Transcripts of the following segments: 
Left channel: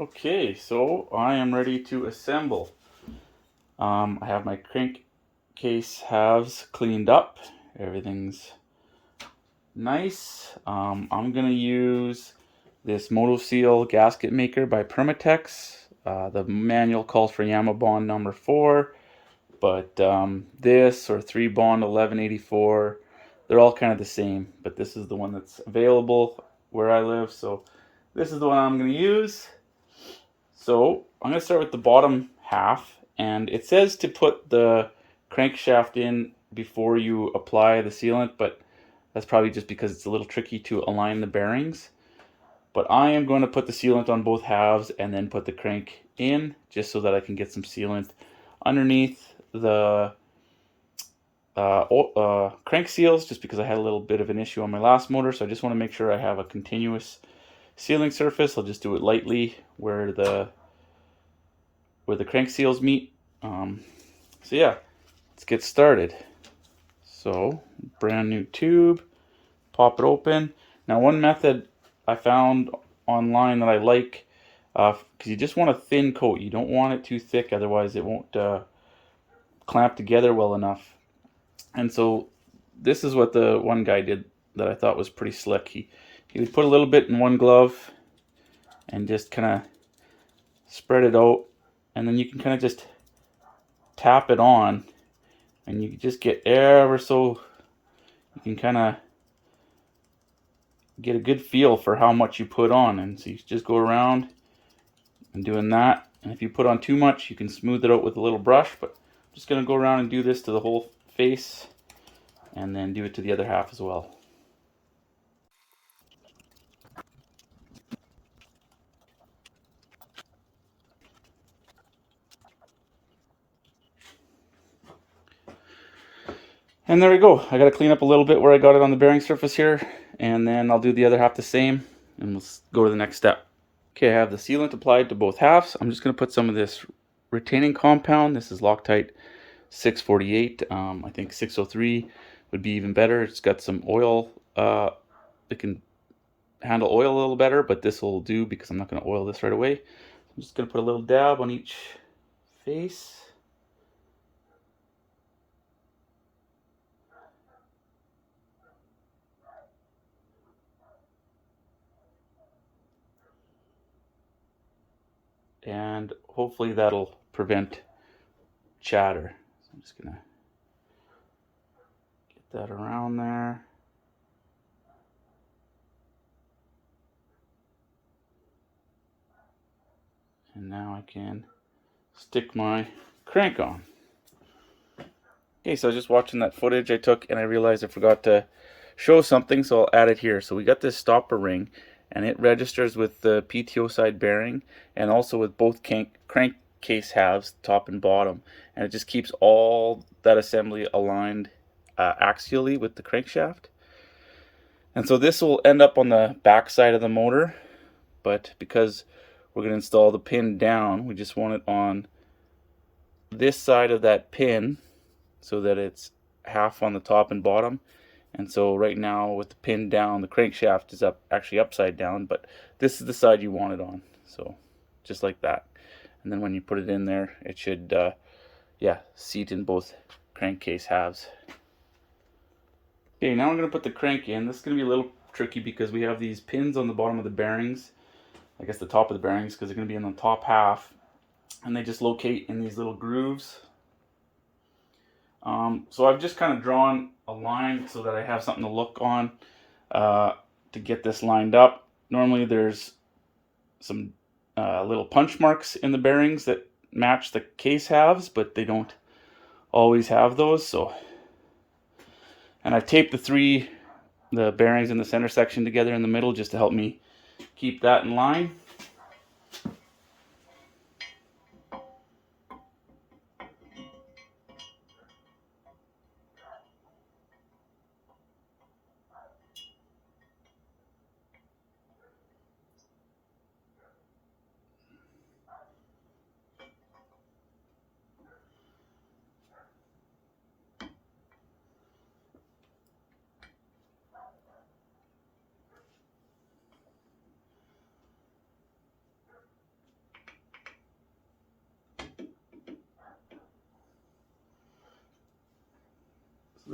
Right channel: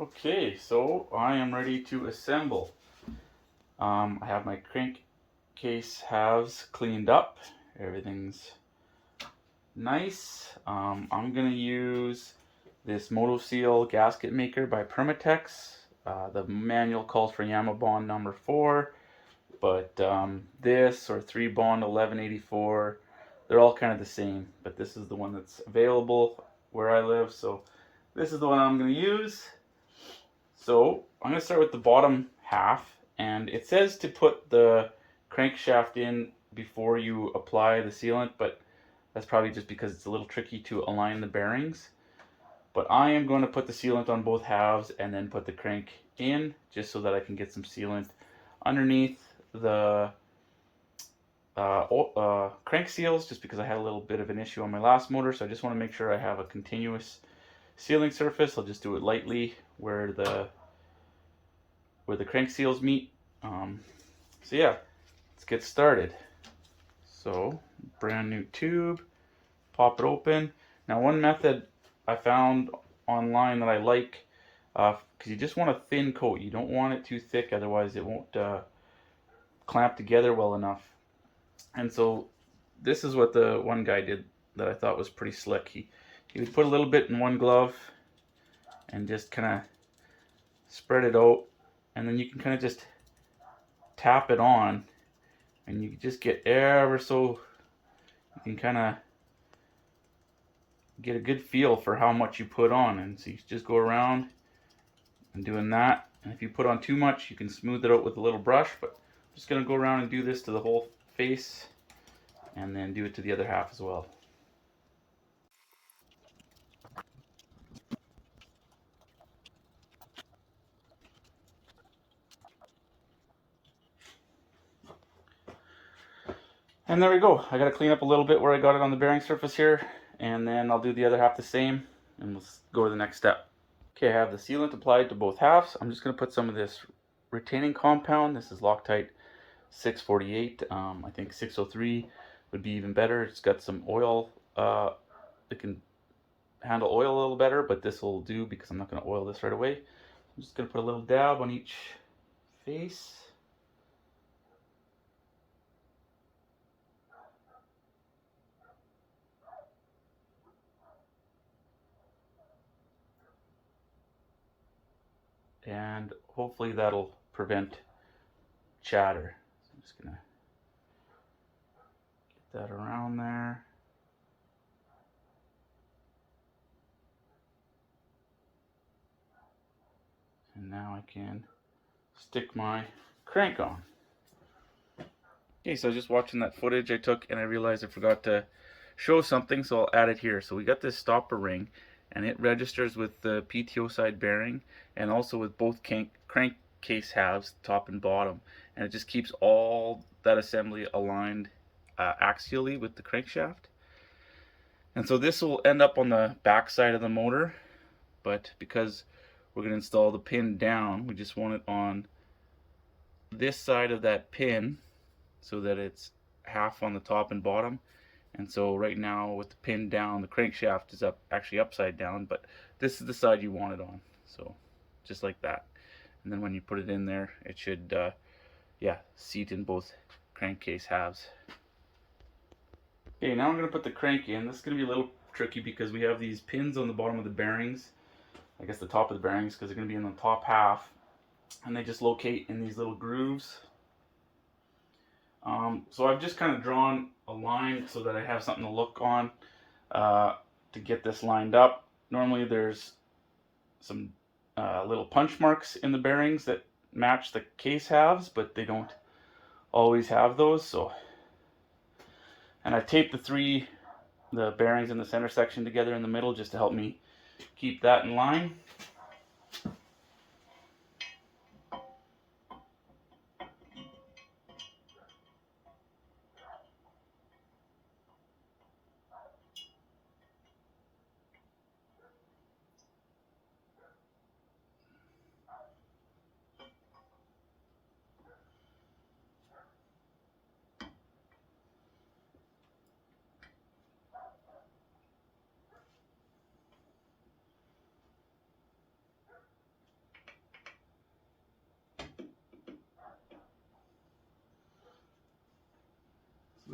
Okay, so I am ready to assemble. I have my crankcase halves cleaned up. Everything's nice. I'm gonna use this MotoSeal gasket maker by Permatex. The manual calls for Yamaha Bond number 4, but this or 3 Bond 1184, they're all kind of the same, but this is the one that's available where I live, so this is the one I'm gonna use. So I'm going to start with the bottom half, and it says to put the crankshaft in before you apply the sealant, but that's probably just because it's a little tricky to align the bearings. But I am going to put the sealant on both halves and then put the crank in, just so that I can get some sealant underneath the crank seals, just because I had a little bit of an issue on my last motor, so I just want to make sure I have a continuous sealing surface. I'll just do it lightly where the crank seals meet. So yeah, let's get started. So brand new tube, pop it open. Now one method I found online that I like, because you just want a thin coat. You don't want it too thick, otherwise it won't clamp together well enough. And so this is what the one guy did that I thought was pretty slick. He would put a little bit in one glove and just kind of spread it out, and then you can kind of just tap it on, and you can just get ever so, you can kind of get a good feel for how much you put on. And so you just go around and doing that, and if you put on too much, you can smooth it out with a little brush. But I'm just going to go around and do this to the whole face, and then do it to the other half as well. And there we go. I got to clean up a little bit where I got it on the bearing surface here, and then I'll do the other half the same, and we'll go to the next step. Okay, I have the sealant applied to both halves. I'm just going to put some of this retaining compound. This is Loctite 648. I think 603 would be even better. It's got some oil. It can handle oil a little better, but this will do because I'm not going to oil this right away. I'm just going to put a little dab on each face. And hopefully that'll prevent chatter. So I'm just going to get that around there. And now I can stick my crank on. Okay, so I was just watching that footage I took, and I realized I forgot to show something, so I'll add it here. So we got this stopper ring, and it registers with the PTO side bearing and also with both crankcase halves, top and bottom, and it just keeps all that assembly aligned axially with the crankshaft. And so this will end up on the back side of the motor, but because we're going to install the pin down, we just want it on this side of that pin, so that it's half on the top and bottom. And so right now with the pin down, the crankshaft is actually upside down, but this is the side you want it on. So just like that. And then when you put it in there, it should seat in both crankcase halves. Okay, now I'm going to put the crank in. This is going to be a little tricky because we have these pins on the bottom of the bearings. I guess the top of the bearings, because they're going to be in the top half. And they just locate in these little grooves. So I've just kind of drawn a line so that I have something to look on to get this lined up. Normally there's some little punch marks in the bearings that match the case halves, but they don't always have those. So, and I taped the bearings in the center section together in the middle just to help me keep that in line.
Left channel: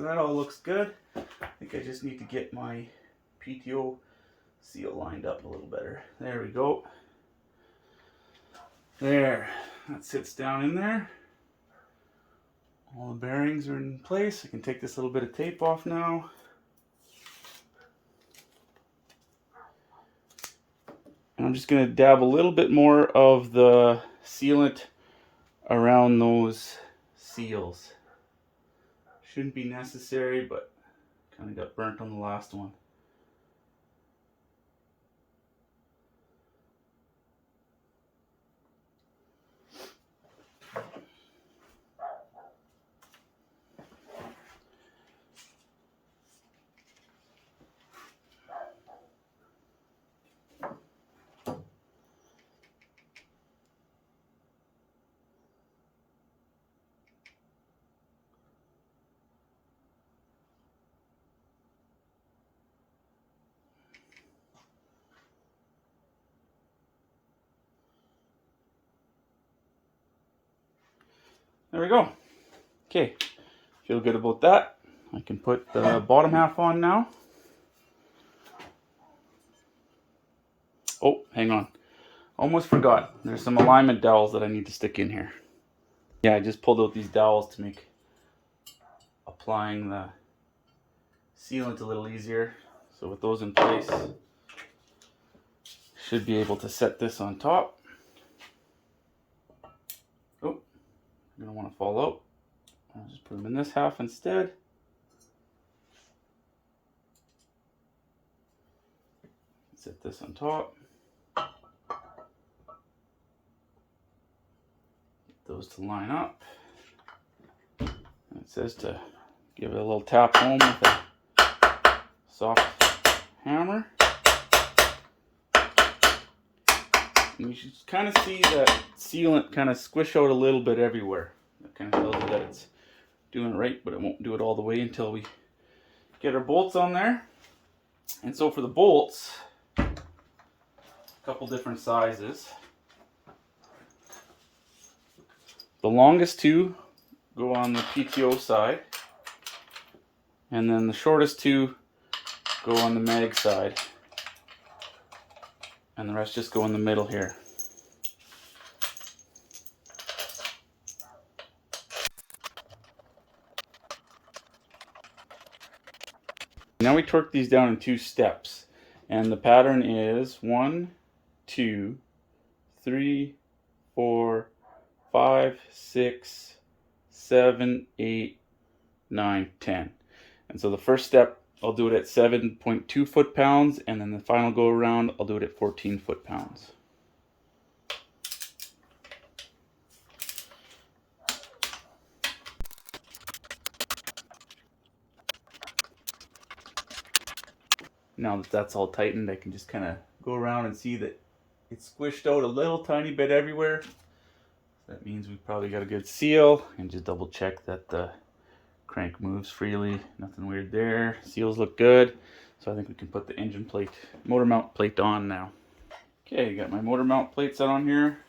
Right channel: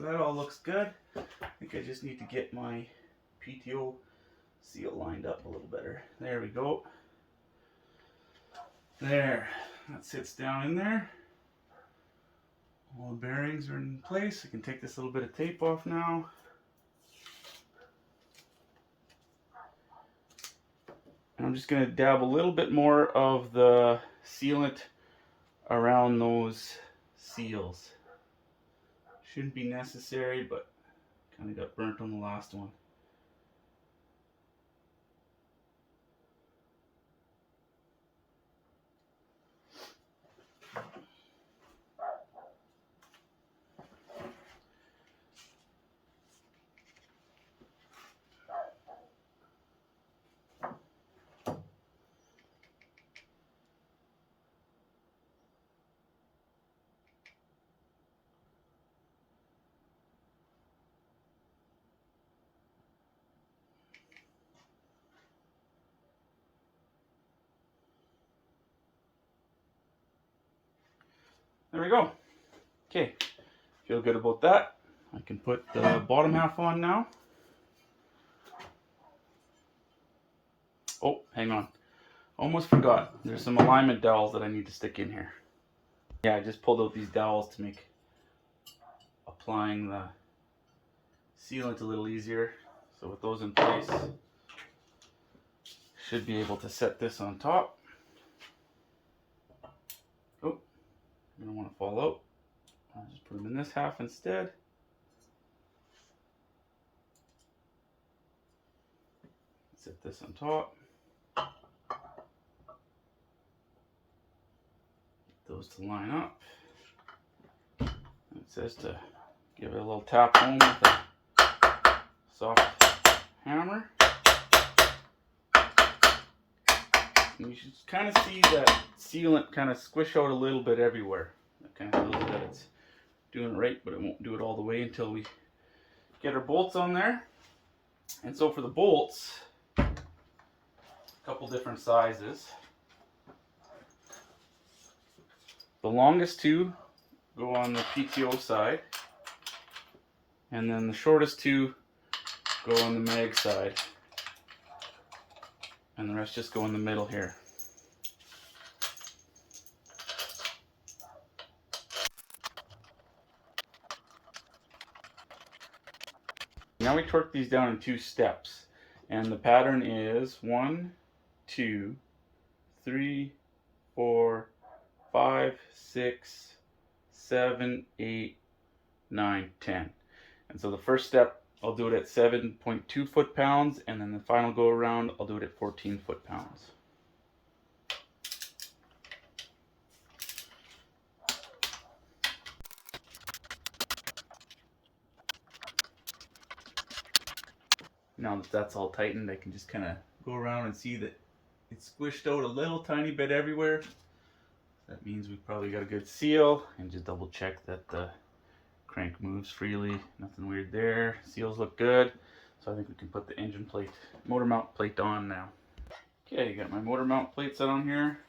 that all looks good. I think I just need to get my PTO seal lined up a little better. There we go. There, that sits down in there. All the bearings are in place. I can take this little bit of tape off now. And I'm just going to dab a little bit more of the sealant around those seals. Shouldn't be necessary, but kind of got burnt on the last one. There we go. Okay, feel good about that. I can put the bottom half on now. Oh, hang on. Almost forgot. There's some alignment dowels that I need to stick in here. Yeah, I just pulled out these dowels to make applying the sealant a little easier. So with those in place, should be able to set this on top. Oh, you're gonna want to fall out. I'll just put them in this half instead. Set this on top. Get those to line up. And it says to give it a little tap home with a soft hammer. And you should kind of see that sealant kind of squish out a little bit everywhere. That kind of tells you that it's doing it right, but it won't do it all the way until we get our bolts on there. And so for the bolts, a couple different sizes. The longest two go on the PTO side, and then the shortest two go on the mag side, and the rest just go in the middle here. Now we torque these down in 2 steps, and the pattern is 1, 2, 3, 4, 5, 6, 7, 8, 9, 10. And so the first step, I'll do it at 7.2 foot-pounds, and then the final go around, I'll do it at 14 foot-pounds. Now that that's all tightened, I can just kind of go around and see that it's squished out a little tiny bit everywhere. That means we've probably got a good seal, and just double check that the crank moves freely. Nothing weird there. Seals look good. So I think we can put the engine plate, motor mount plate on now. Okay, got my motor mount plate set on here.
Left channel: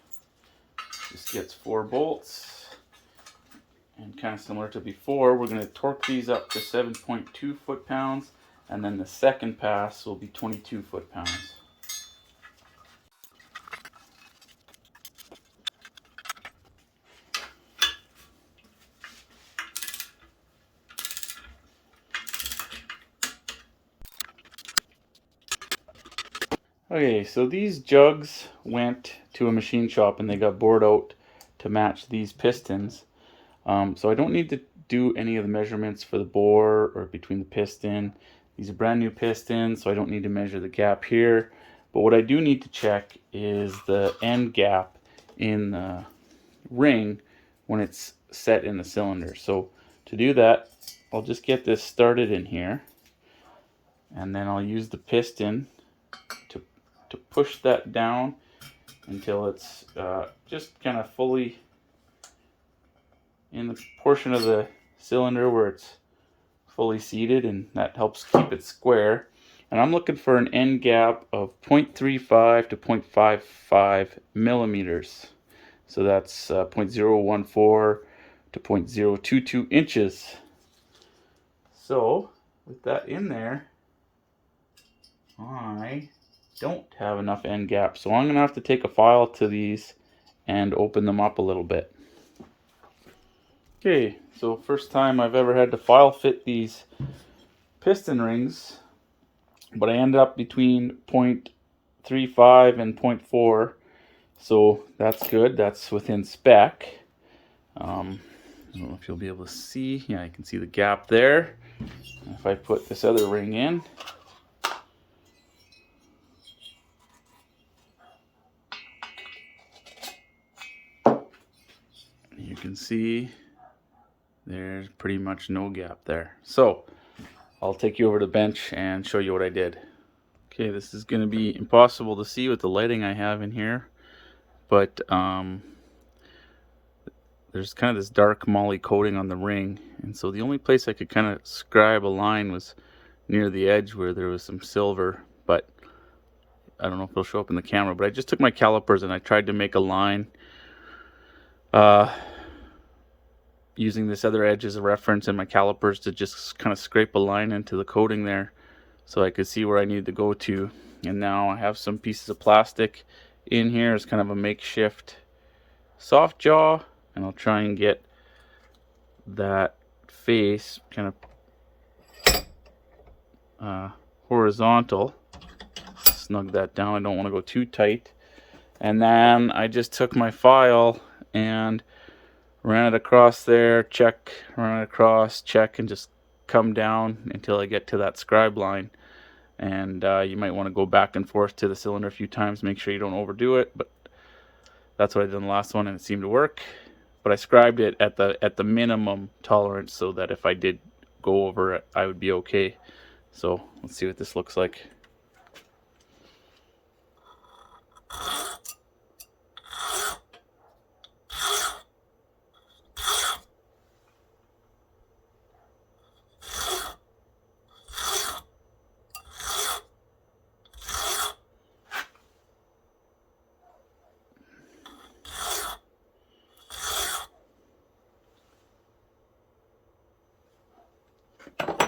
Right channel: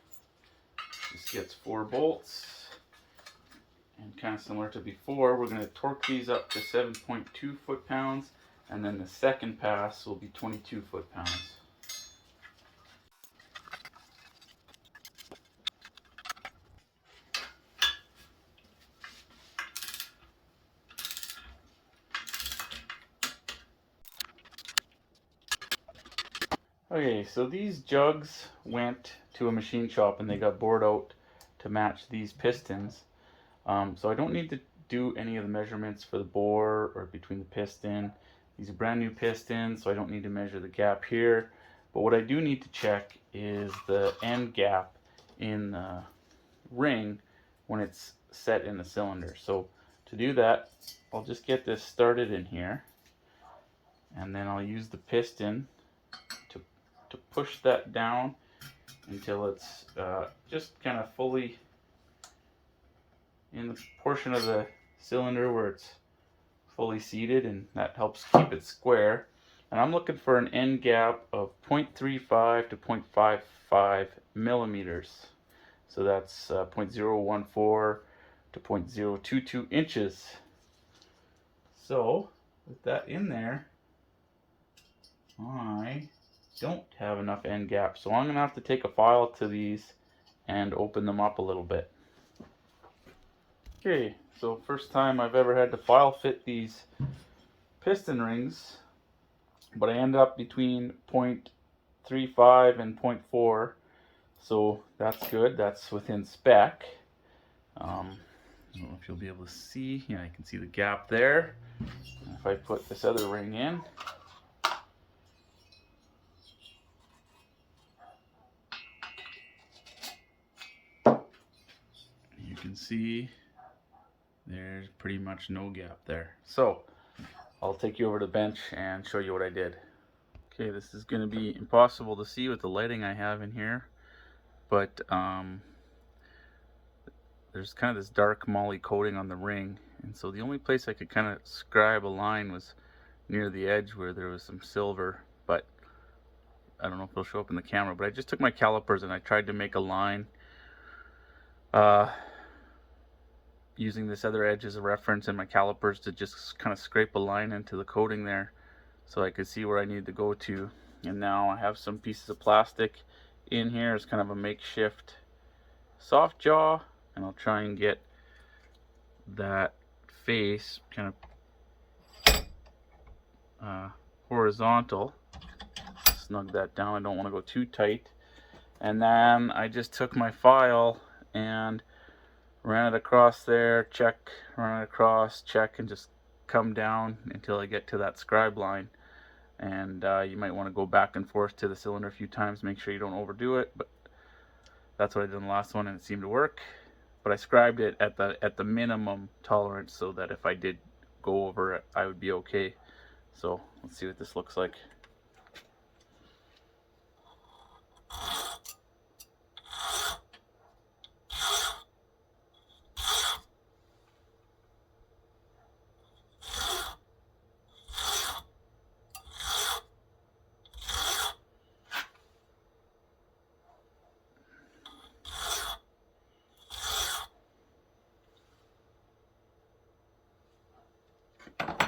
This gets 4 bolts. And kind of similar to before, we're going to torque these up to 7.2 foot-pounds. And then the second pass will be 22 foot-pounds. Okay, so these jugs went to a machine shop and they got bored out to match these pistons. So I don't need to do any of the measurements for the bore or between the piston. These are brand new pistons, so I don't need to measure the gap here. But what I do need to check is the end gap in the ring when it's set in the cylinder. So to do that, I'll just get this started in here, and then I'll use the piston to push that down until it's just kind of fully in the portion of the cylinder where it's fully seated, and that helps keep it square. And I'm looking for an end gap of 0.35 to 0.55 millimeters. So that's 0.014 to 0.022 inches. So with that in there, I don't have enough end gaps, so I'm gonna have to take a file to these and open them up a little bit. Okay, so first time I've ever had to file fit these piston rings, but I ended up between 0.35 and 0.4, so that's good. That's within spec. I don't know if you'll be able to see. Yeah, I can see the gap there. If I put this other ring in, you can see there's pretty much no gap there. So I'll take you over to the bench and show you what I did. Okay, this is going to be impossible to see with the lighting I have in here, but there's kind of this dark moly coating on the ring, and so the only place I could kind of scribe a line was near the edge where there was some silver, but I don't know if it'll show up in the camera. But I just took my calipers and I tried to make a line using this other edge as a reference and my calipers to just kind of scrape a line into the coating there so I could see where I needed to go to. And now I have some pieces of plastic in here as kind of a makeshift soft jaw, and I'll try and get that face kind of horizontal. Snug that down. I don't want to go too tight. And then I just took my file and ran it across there, check, run it across, check, and just come down until I get to that scribe line. And you might want to go back and forth to the cylinder a few times, make sure you don't overdo it, but that's what I did in the last one and it seemed to work. But I scribed it at the minimum tolerance so that if I did go over it, I would be okay. So let's see what this looks like.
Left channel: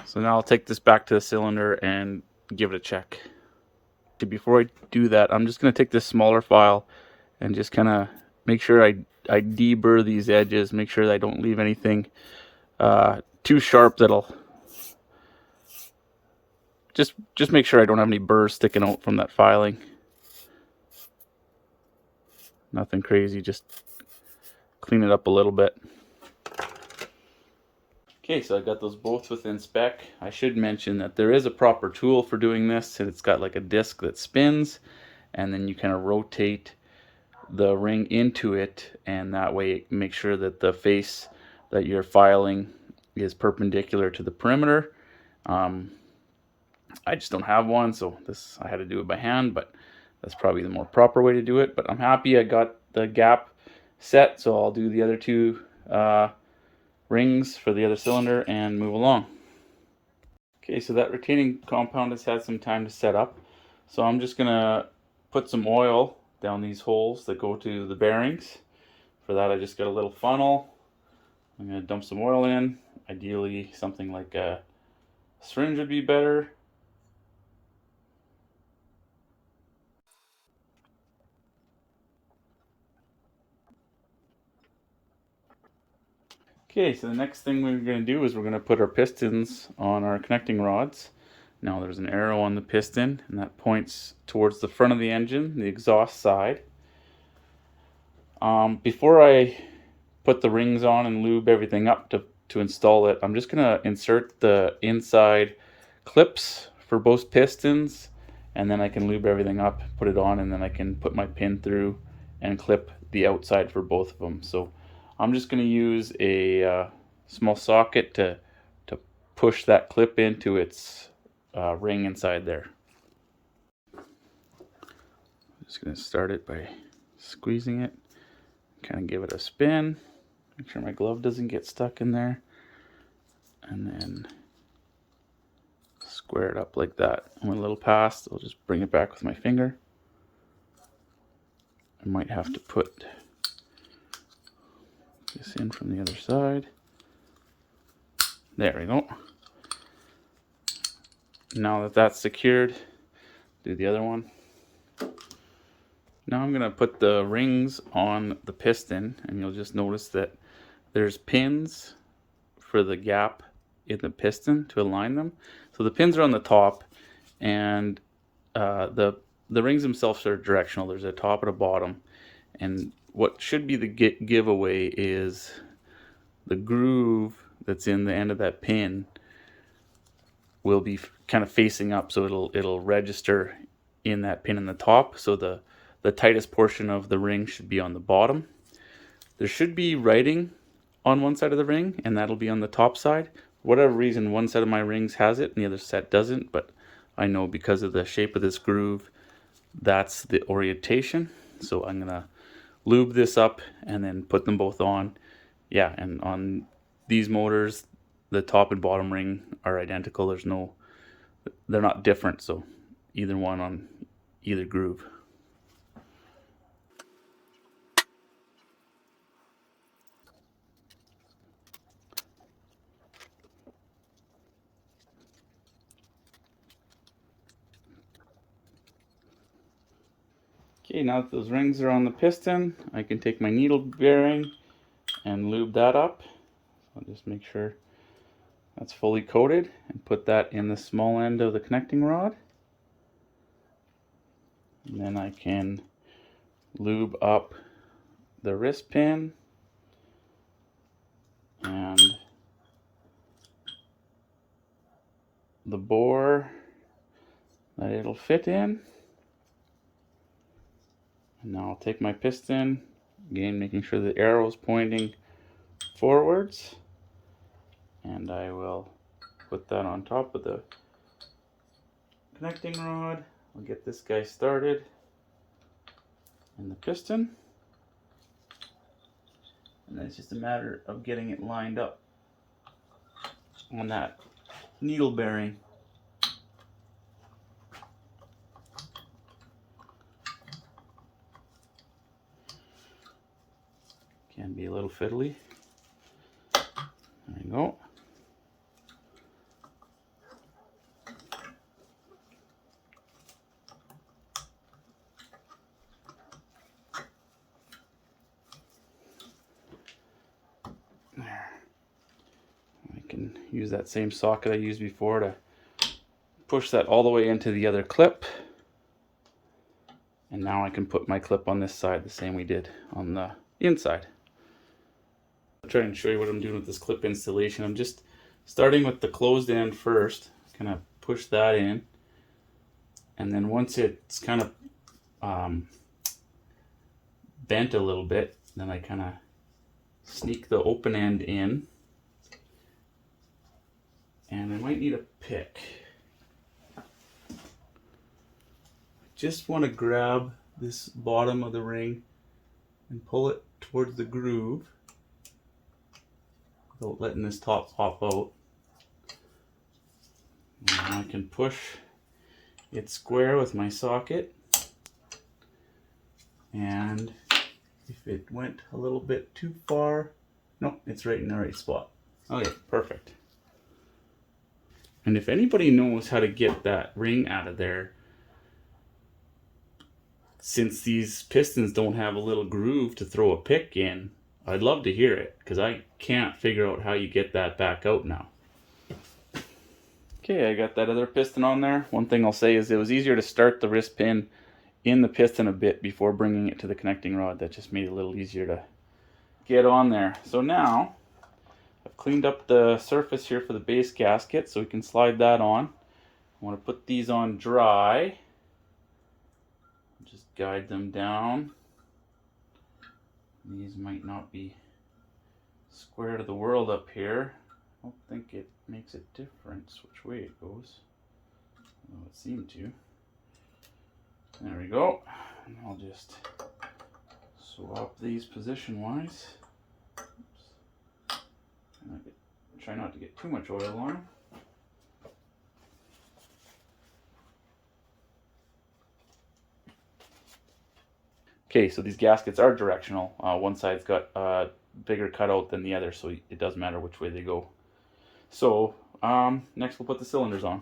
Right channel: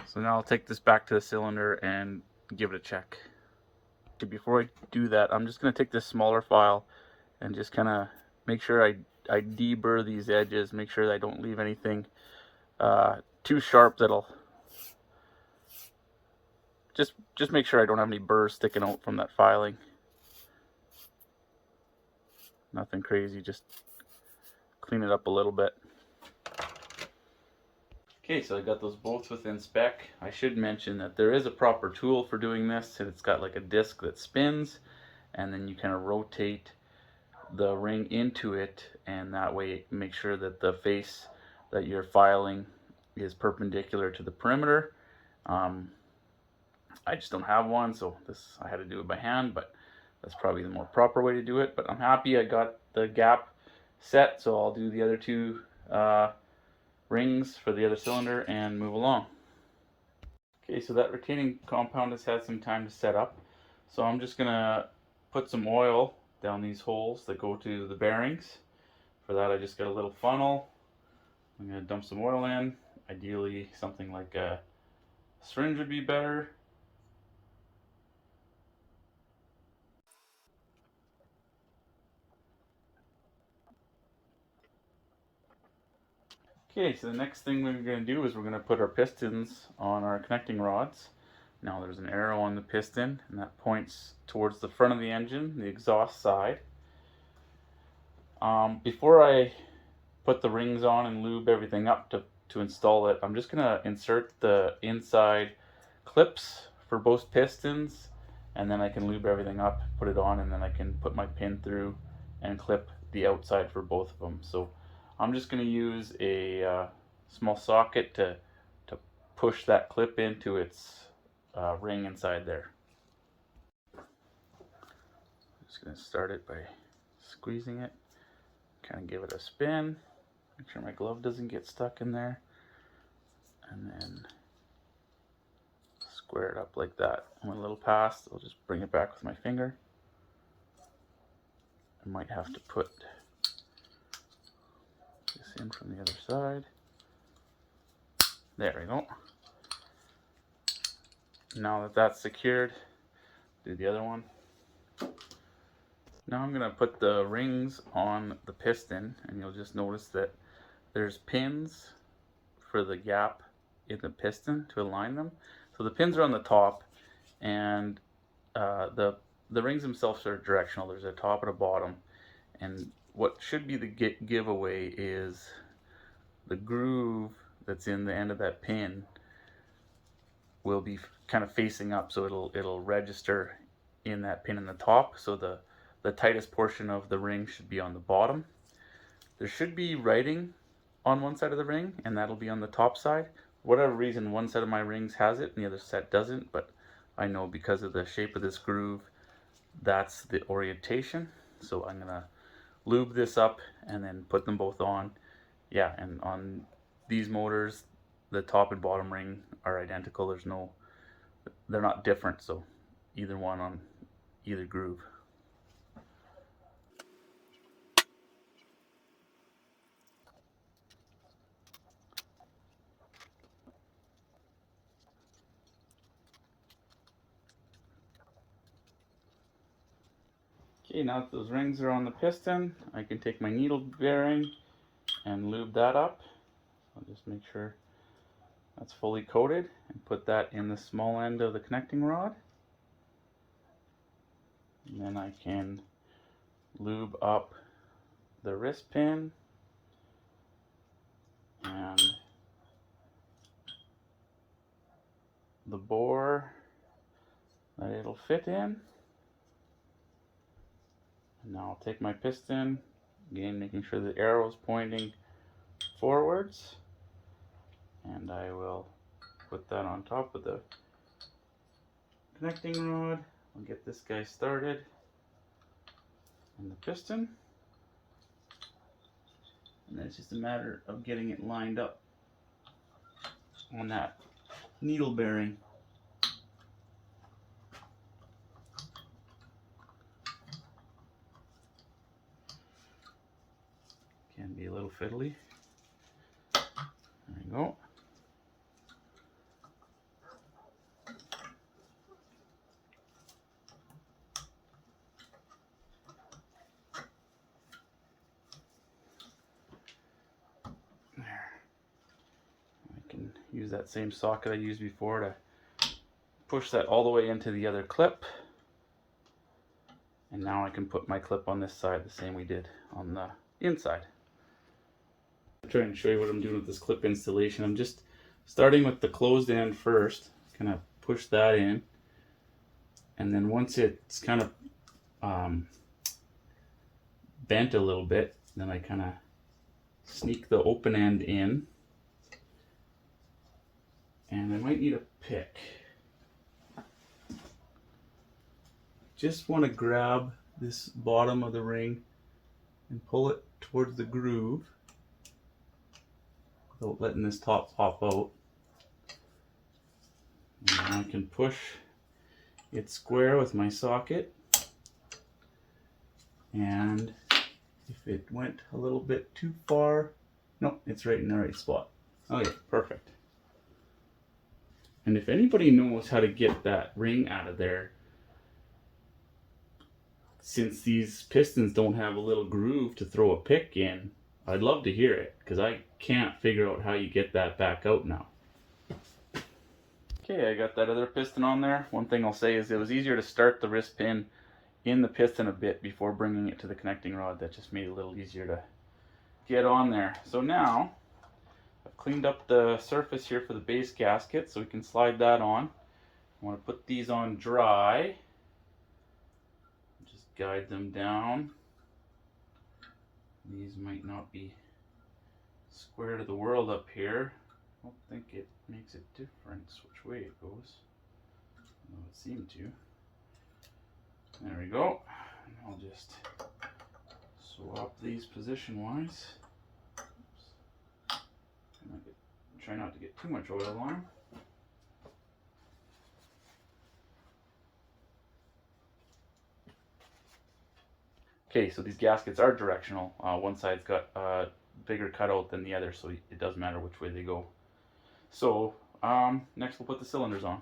So now I'll take this back to the cylinder and give it a check. Before I do that, I'm just going to take this smaller file and just kind of make sure I deburr these edges, make sure that I don't leave anything too sharp that'll just make sure I don't have any burrs sticking out from that filing. Nothing crazy, just clean it up a little bit. Okay, so I've got those both within spec. I should mention that there is a proper tool for doing this, and it's got like a disc that spins, and then you kind of rotate the ring into it, and that way make sure that the face that you're filing is perpendicular to the perimeter. I just don't have one, so I had to do it by hand, but that's probably the more proper way to do it. But I'm happy I got the gap set, so I'll do the other two rings for the other cylinder and move along. Okay, so that retaining compound has had some time to set up, so I'm just gonna put some oil down these holes that go to the bearings. For that, I just got a little funnel. I'm gonna dump some oil in. Ideally something like a syringe would be better. Okay, so the next thing we're going to do is we're going to put our pistons on our connecting rods. Now there's an arrow on the piston, and that points towards the front of the engine, the exhaust side. Before I put the rings on and lube everything up to install it, I'm just going to insert the inside clips for both pistons, and then I can lube everything up, put it on, and then I can put my pin through and clip the outside for both of them. So I'm just going to use a small socket to push that clip into its ring inside there. I'm just going to start it by squeezing it, kind of give it a spin, make sure my glove doesn't get stuck in there, and then square it up like that. When a little past, I'll just bring it back with my finger. I might have to put this in from the other side. There we go. Now that that's secured, do the other one. Now I'm going to put the rings on the piston, and you'll just notice that there's pins for the gap in the piston to align them. So the pins are on the top, and the rings themselves are directional. There's a top and a bottom, and what should be the giveaway is the groove that's in the end of that pin will be kind of facing up, so it'll register in that pin in the top. So the tightest portion of the ring should be on the bottom. There should be writing on one side of the ring, and that'll be on the top side. For whatever reason, one set of my rings has it and the other set doesn't, but I know because of the shape of this groove, that's the orientation. So I'm gonna lube this up and then put them both on. Yeah, and on these motors, the top and bottom ring are identical. They're not different, so either one on either groove. Okay, now that those rings are on the piston, I can take my needle bearing and lube that up. I'll just make sure that's fully coated and put that in the small end of the connecting rod. And then I can lube up the wrist pin and the bore that it'll fit in. And now I'll take my piston, again making sure the arrow is pointing forwards, and I will put that on top of the connecting rod. I'll get this guy started in the piston, and then it's just a matter of getting it lined up on that needle bearing. Can be a little fiddly. There you go. There. I can use that same socket I used before to push that all the way into the other clip. And now I can put my clip on this side the same we did on the inside. I'll try and show you what I'm doing with this clip installation. I'm just starting with the closed end first. Kind of push that in, and then once it's kind of bent a little bit, then I kind of sneak the open end in, and I might need a pick. Just want to grab this bottom of the ring and pull it towards the groove without letting this top pop out. And I can push it square with my socket, and if it went a little bit too far, no, it's right in the right spot. Okay, perfect. And if anybody knows how to get that ring out of there, since these pistons don't have a little groove to throw a pick in, I'd love to hear it, because I can't figure out how you get that back out now. Okay, I got that other piston on there. One thing I'll say is it was easier to start the wrist pin in the piston a bit before bringing it to the connecting rod. That just made it a little easier to get on there. So now, I've cleaned up the surface here for the base gasket, so we can slide that on. I want to put these on dry. Just guide them down. These might not be square to the world up here. I don't think it makes a difference which way it goes. Although it seemed to. There we go. And I'll just swap these position-wise. Try not to get too much oil on. Okay, so these gaskets are directional. One side's got a bigger cutout than the other, so it doesn't matter which way they go. So next we'll put the cylinders on.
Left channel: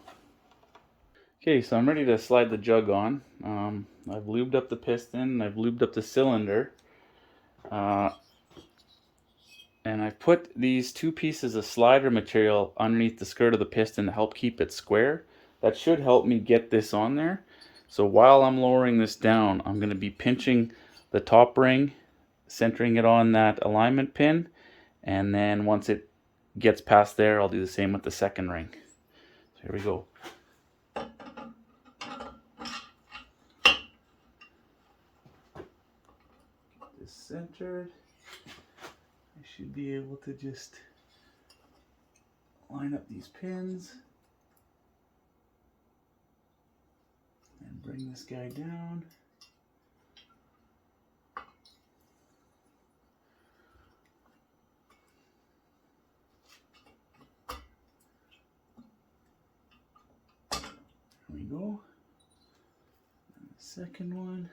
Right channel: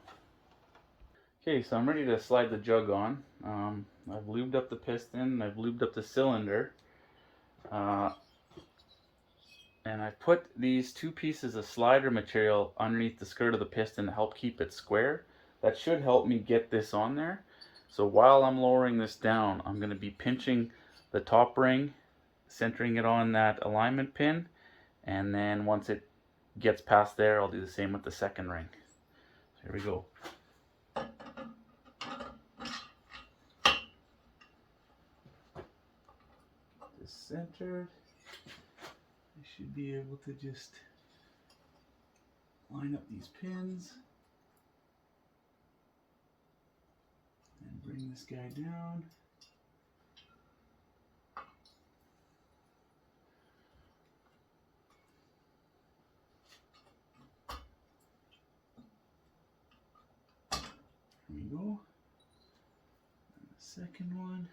Okay, so I'm ready to slide the jug on. I've lubed up the piston, I've lubed up the cylinder, and I've put these 2 pieces of slider material underneath the skirt of the piston to help keep it square. That should help me get this on there. So while I'm lowering this down, I'm going to be pinching the top ring, centering it on that alignment pin, and then once it gets past there, I'll do the same with the second ring. So here we go. Centered. I should be able to just line up these pins and bring this guy down. There we go. And the second one.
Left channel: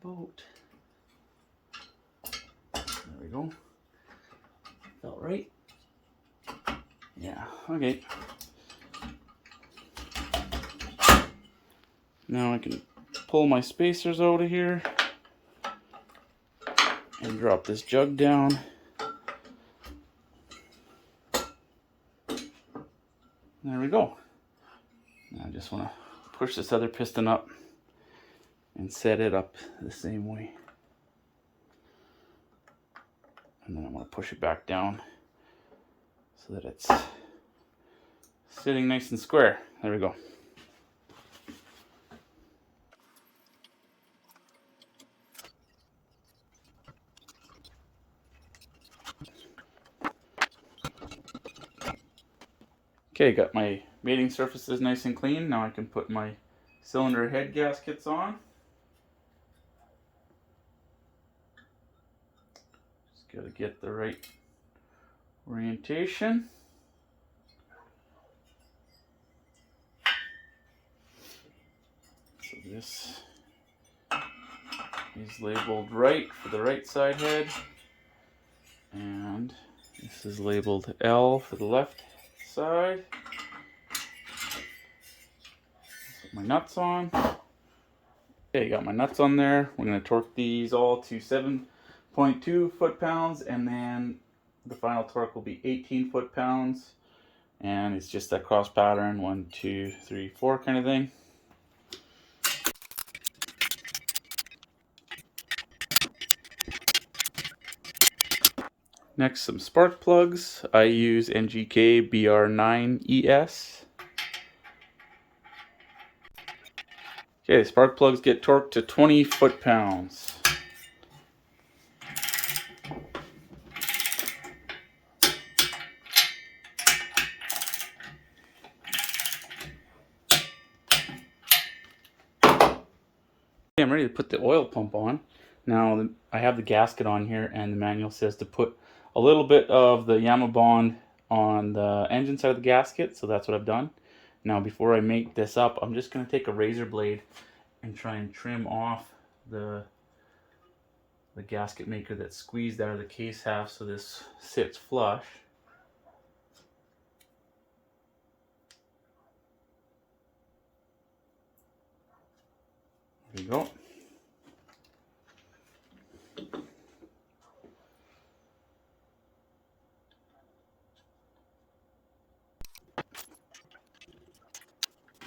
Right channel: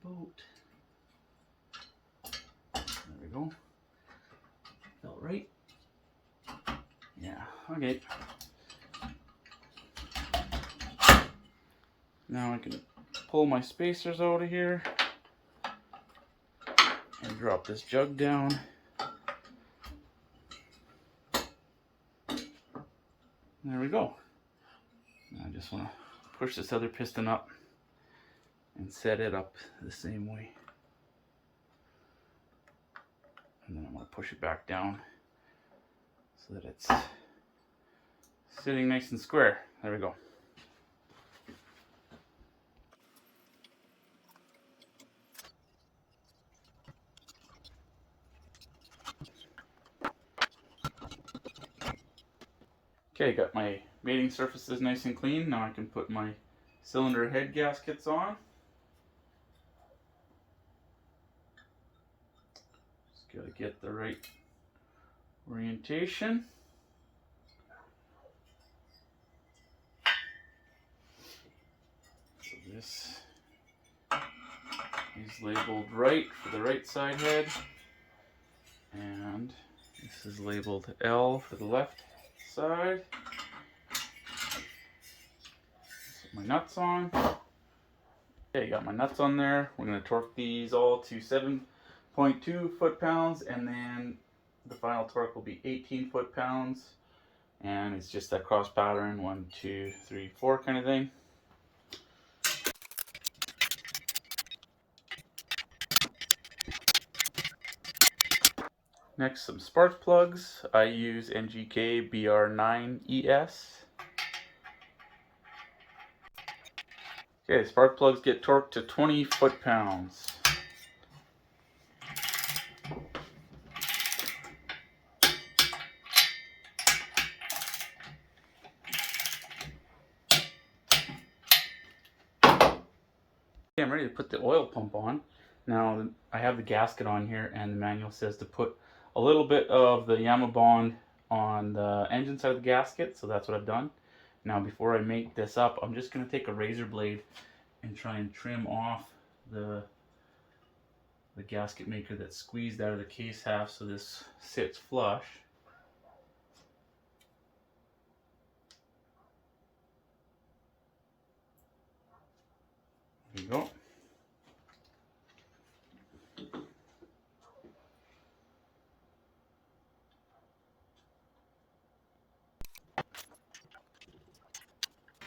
Boat. There we go. Felt right. Yeah, okay. Now I can pull my spacers out of here and drop this jug down. There we go. Now I just want to push this other piston up and set it up the same way. And then I'm going to push it back down so that it's sitting nice and square. There we go. Okay, got my mating surfaces nice and clean. Now I can put my cylinder head gaskets on. Got to get the right orientation. So this is labeled right for the right side head, and this is labeled L for the left side. Put my nuts on. Okay, got my nuts on there. We're going to torque these all to 7.2 foot-pounds, and then the final torque will be 18 foot-pounds, and it's just that cross pattern 1, 2, 3, 4 kind of thing. Next, some spark plugs. I use NGK BR9ES. Okay, spark plugs get torqued to 20 foot-pounds. I'm ready to put the oil pump on. Now I have the gasket on here, and the manual says to put a little bit of the Yamaha bond on the engine side of the gasket, so that's what I've done. Now before I make this up, I'm just going to take a razor blade and try and trim off the gasket maker that's squeezed out of the case half so this sits flush. There you go.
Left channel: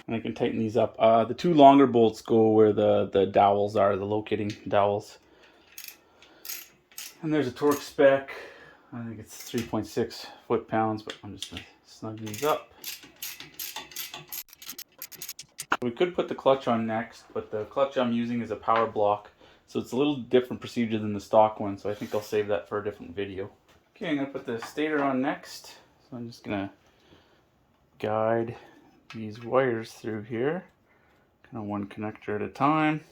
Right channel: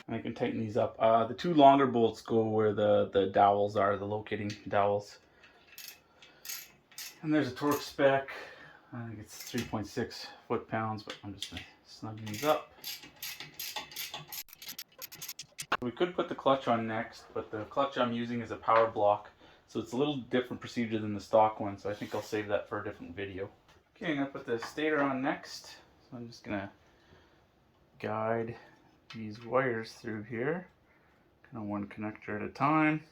And I can tighten these up. The 2 longer bolts go where the dowels are, the locating dowels. And there's a torque spec. I think it's 3.6 foot-pounds, but I'm just going to snug these up. We could put the clutch on next, but the clutch I'm using is a power block, so it's a little different procedure than the stock one, so I think I'll save that for a different video. Okay, I'm going to put the stator on next. So I'm just going to guide these wires through here, kind of one connector at a time.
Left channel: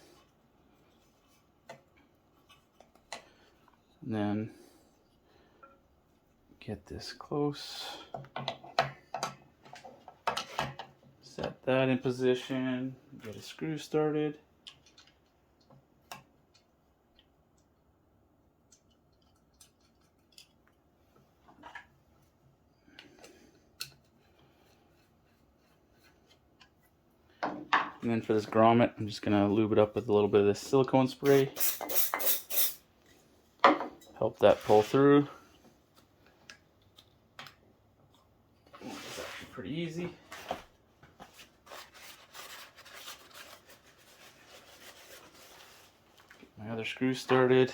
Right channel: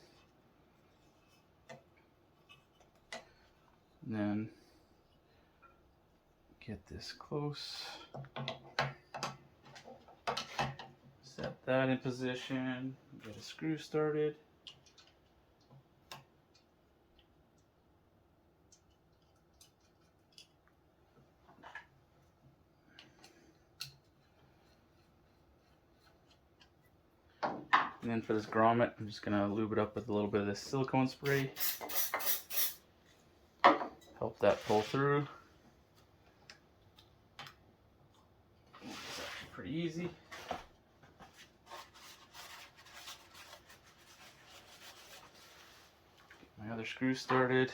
And then get this close. Set that in position. Get a screw started. And then for this grommet, I'm just gonna lube it up with a little bit of this silicone spray. Help that pull through. Pretty easy. Get my other screw started.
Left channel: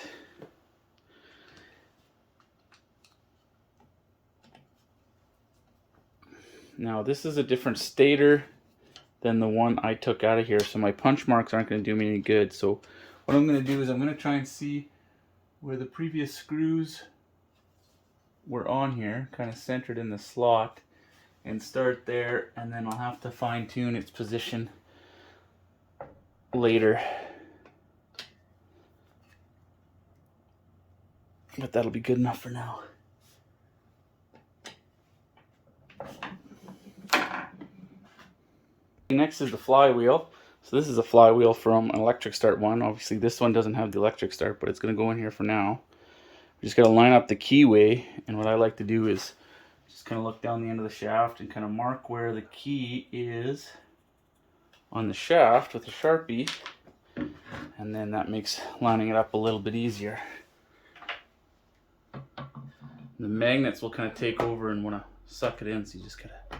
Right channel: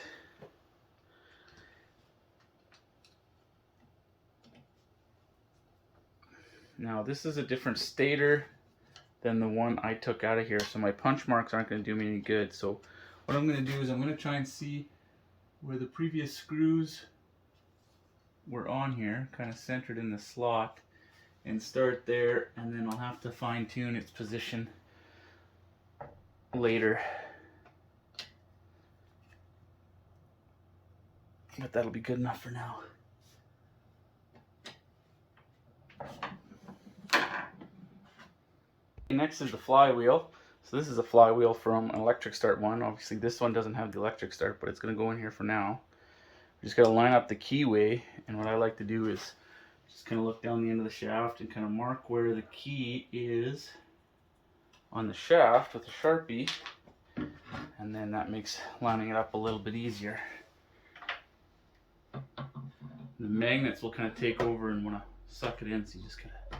Now this is a different stator than the one I took out of here, so my punch marks aren't going to do me any good. So what I'm going to do is I'm going to try and see where the previous screws were on here, kind of centered in the slot, and start there, and then I'll have to fine tune its position later. But that'll be good enough for now. Next is the flywheel. So this is a flywheel from an electric start one. Obviously this one doesn't have the electric start, but it's going to go in here for now. We just got to line up the keyway, and what I like to do is just kind of look down the end of the shaft and kind of mark where the key is on the shaft with a Sharpie, and then that makes lining it up a little bit easier. The magnets will kind of take over and want to suck it in, so you just got to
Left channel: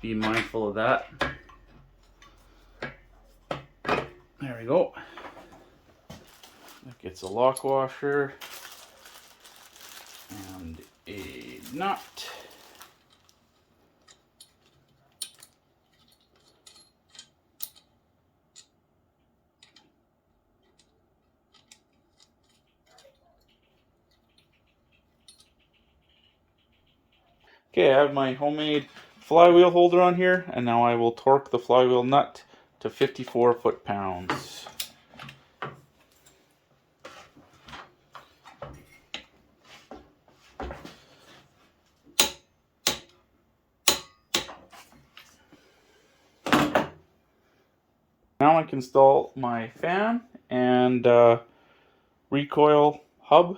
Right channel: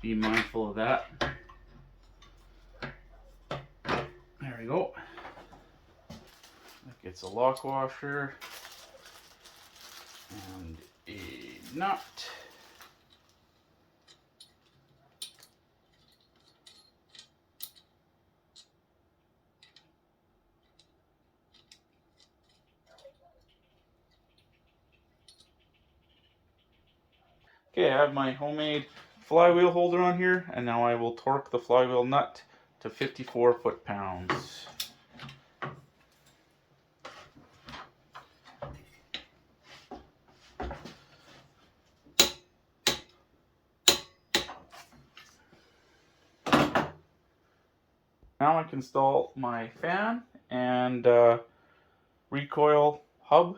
be mindful of that. There we go. That gets a lock washer and a nut. Okay, I have my homemade flywheel holder on here, and now I will torque the flywheel nut to 54 foot-pounds. Now I can install my fan and recoil hub.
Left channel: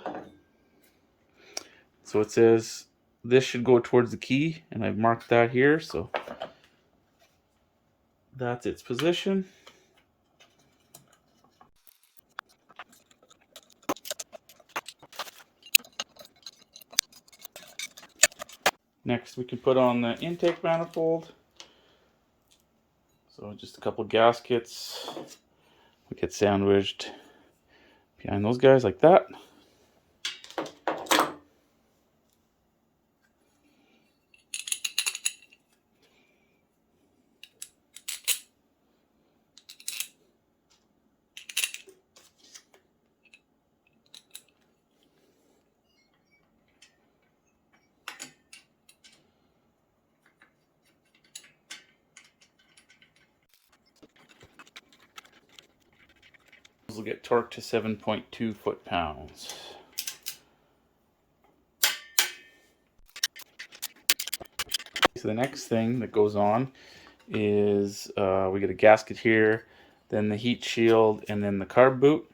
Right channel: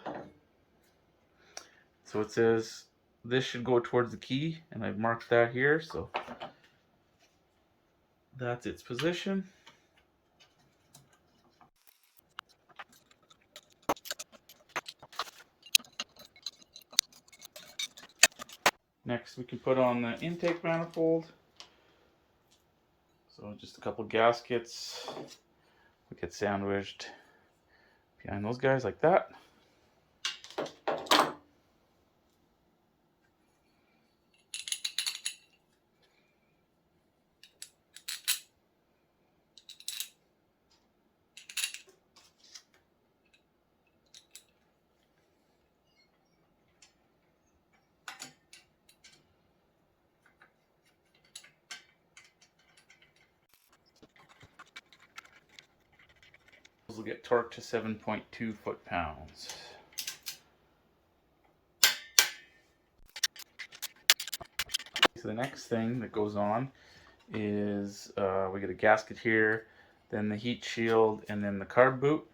So it says this should go towards the key, and I've marked that here, so that's its position. Next we can put on the intake manifold. So just a couple gaskets. We get sandwiched behind those guys like that. Will get torqued to 7.2 foot-pounds. So the next thing that goes on is we get a gasket here, then the heat shield, and then the carb boot.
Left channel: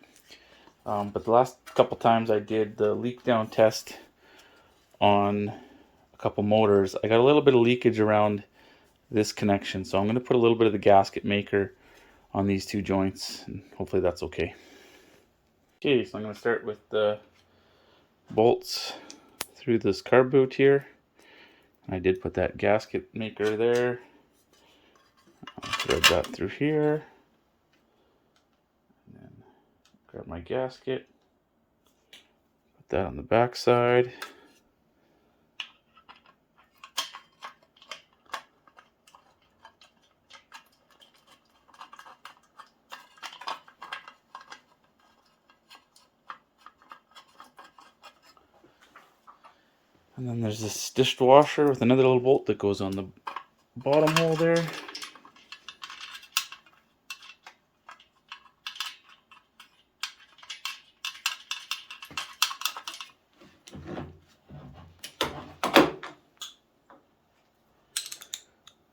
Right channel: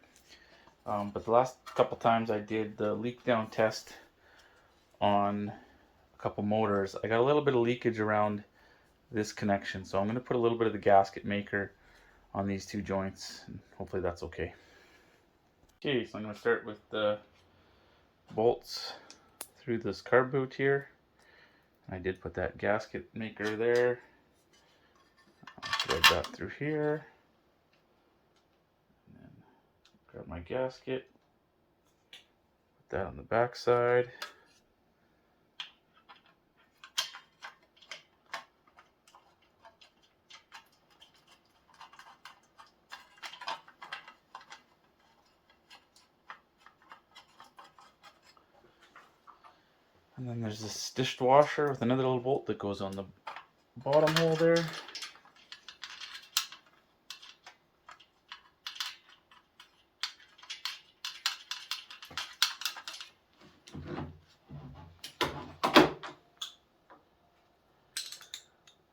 But the last couple times I did the leak down test on a couple motors, I got a little bit of leakage around this connection, so I'm going to put a little bit of the gasket maker on these two joints, and hopefully that's okay. Okay, so I'm going to start with the bolts through this carb boot here. I did put that gasket maker there. I'll thread that through here. And then grab my gasket. Put that on the back side. And then there's this dishwasher with another little bolt that goes on the bottom hole there.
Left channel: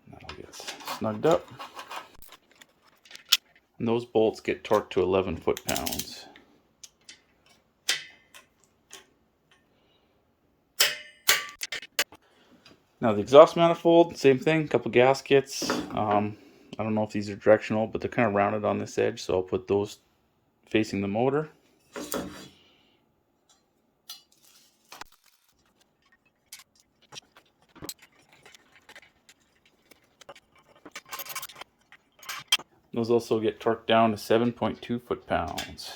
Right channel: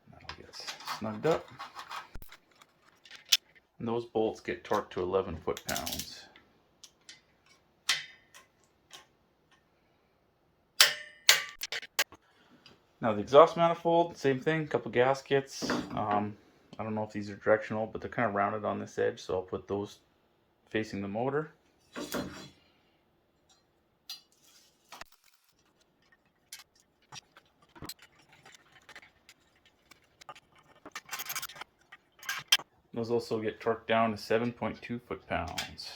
That'll get snugged up. And those bolts get torqued to 11 foot-pounds. Now the exhaust manifold, same thing, a couple gaskets. I don't know if these are directional, but they're kind of rounded on this edge, so I'll put those facing the motor. Those also get torqued down to 7.2 foot-pounds.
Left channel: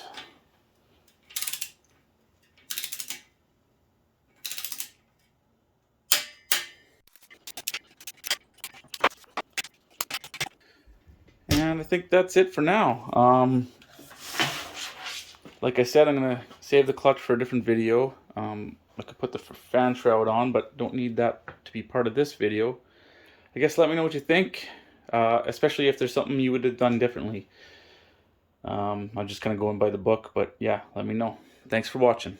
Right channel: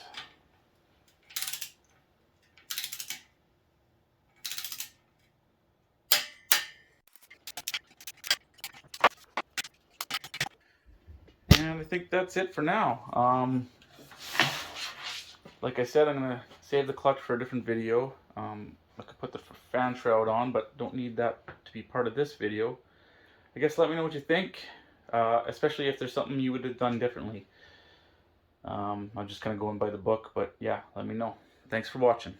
And I think that's it for now. Like I said, I'm going to save the clutch for a different video. I could put the fan shroud on, but don't need that to be part of this video. I guess let me know what you think, especially if there's something you would have done differently. I'm just kind of going by the book, but yeah, let me know. Thanks for watching.